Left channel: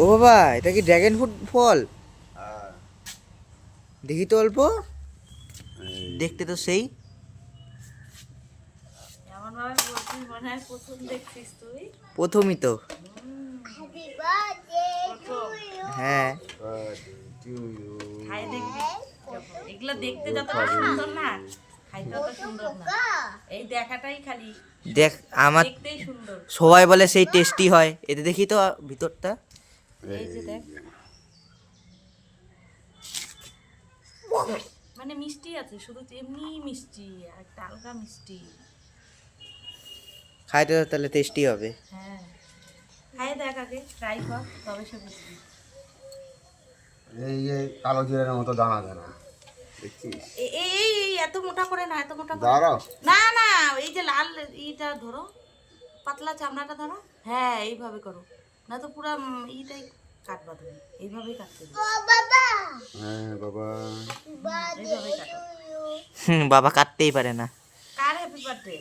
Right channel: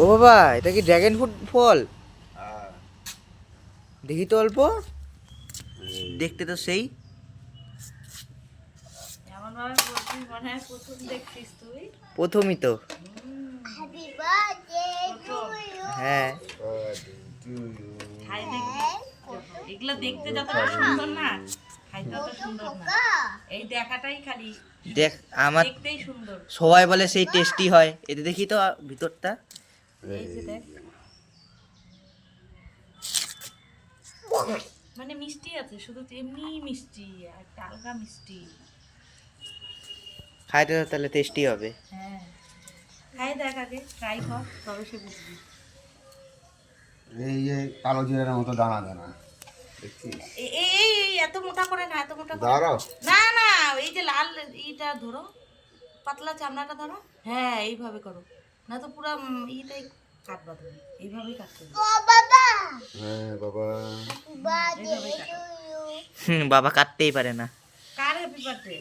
ও বাবা, এটা কি ড্রাগন ফ্রুট ফল? হ্যাঁ। দেখি তো অল্প। দেখতে তো সেই। এমন ভাবে বলছিস মনে হয় প্রথম দেখছিস তুই। প্রথমই তো। প্রথম। হ্যাঁ। To you. খাই দেখবি যখন। এগুলো দেখতে যতটা সুন্দর না, খাইতে অত সুন্দর না। এই দেখাটাই খালি দেখ আমার দেখতেই সুন্দর। সবাই বলে সেই টেস্টি হয়, এতে দেখি তো ভিতরটা। এই যে দেখ, মানে মিষ্টি আছে, শুধু এমনি মিষ্টি আর একটা হালকা মিষ্টি। খাইতে তো তাহলে টেস্টি হবে। হ্যাঁ, খাই দেখ আগে, ট্রাই কর, তবে সে বুঝবি। এই যে কালো জিরার মতো দানা দানা দেখছিস? এই এই এই এত মোটা করে না, এত মোটা করে দাঁড়াও। না। না, এই যে লাল এইটা ধরো, পাতলা চামড়াটা ধরো। হ্যাঁ, এইভাবে করো, না তো পুরো এইটাই কাটবা তুমি, এইভাবেই কাটতে হবে। হ্যাঁ বাবা। এইভাবেই কাটো। বাবা কাটতেই পারে না। কার হ্যাপি বার্থডে?